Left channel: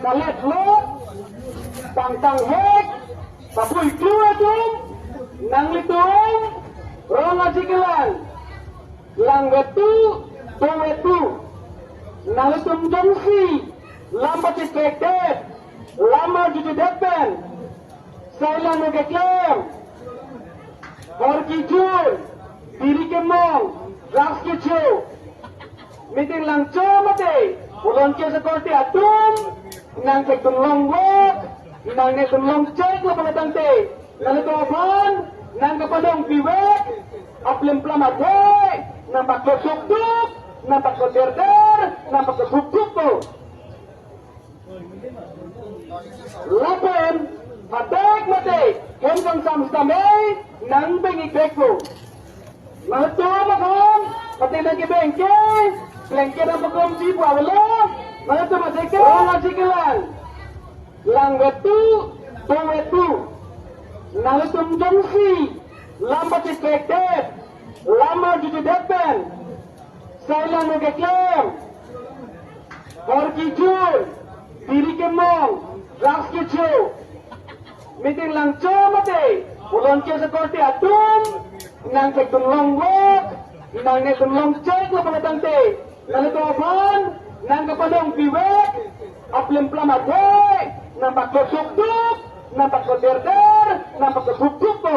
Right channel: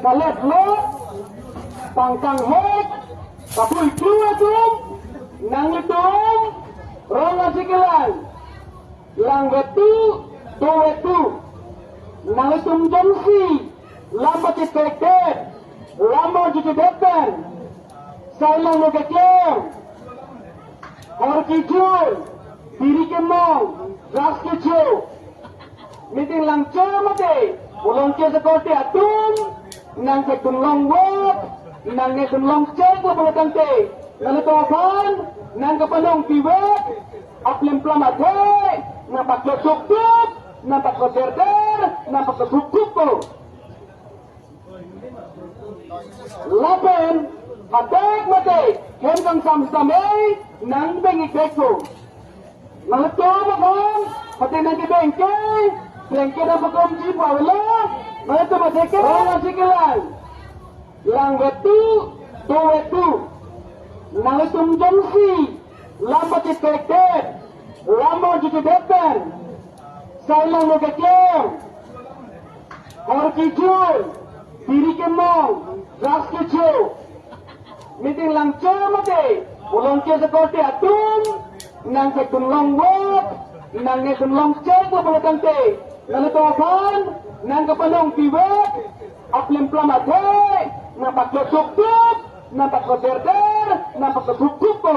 kalet lo tangkang hek tapul kue tum nang litum ronga sikilan langgetu towetu nang litum jamsi lambat ispektif lama gitu depan saya ngegeklem Korkijul diri kemong ras kicau meeting langco mate ulon ke seperti atum nang ke dunlong wak nang ne dunlong cek lo pengatang te lalu topan nang ke pandong piwek aplim plamate nampak lo sukduk nampak lo derder nampak lo sukduk ko lapen hadak mate hengkang sam-samay nang bengik beko mahto makam pati nang kibengke Lengke na pagom si Pawala, mga tumasikil, mga sikilan. Langgetu, towetu, nalitum jamsi, lambat ispektif, lama gitu depan. Saya ngegeklem, korkijul, diri kemong, ras kicau. Meeting langco mate, ulon ke seperti atum, nang ke dunlong wak, nang ne dunlong cek lo pengatang te. Lalu topan nang kepadong piwek aplim plamate nampak lo sukduk nampak lo derder nampak lo sukduk ko